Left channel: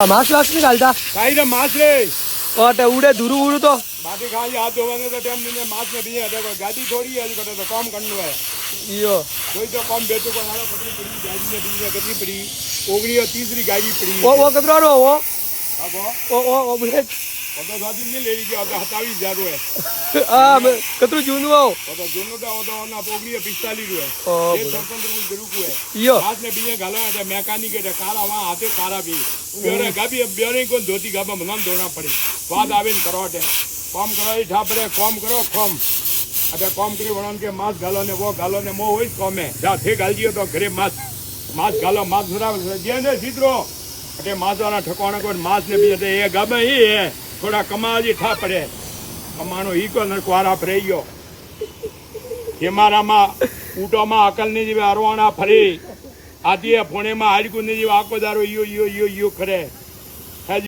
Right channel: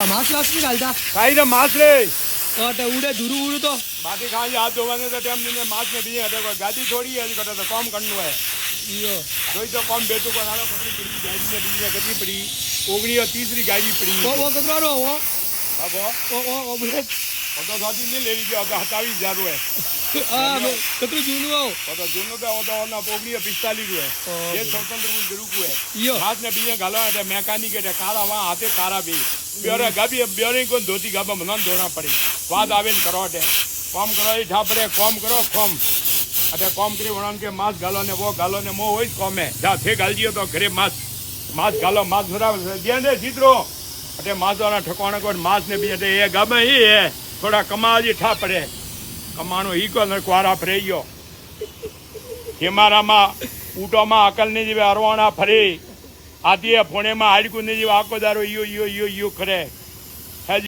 mask वास्क नहीं डालता काई रे मास रे और उड़े दूर उड़ तो बाकी खाली हाथ धोवाने का टाइम नहीं मास में भी हटे गाड़ी थोड़ी है कटा तो काम करना है यो कोई तो काम बेचो को नाला पतली पड़ी गाड़ी में भी कितनी पड़ी ओगनी और तीसरी गाड़ी पड़ी वो कतरा रो वो अब वो बुलेट तो दादी नहीं ले लीजिए अब हटावी ज्यादा है कतरू जून वो तो जुनो का वो तो ना ओगनी 45 है ये स्वतंत्र जरूर को है यो हाथ में भी गाला है मैकेनिक है कारा वहां हाथे कारा भी ब्योरे गाबी ब्योरे को धोती गाबा मनन धोना पड़ी बाद आवे न करो है काम करो ई ठा परे काम करो कम अटे काम करी वणन के मास गालो ने वो गालो ने मो होई काम है जा थे गालजियो तो घरे मास गालो मास भरा देने सीधरो अटे मास वाला ठकाना को मास ने भी अटे ये गाबे ही है थोड़ा कमा जी ठा पड़े कमानो ही को नरकवारा फरेयो हिमारामा ऊटोमा अकल ने जीवे अरवाणा फरी आदि फोने में हाड़कू ने जीवे आको दारो यो यो यो यो करे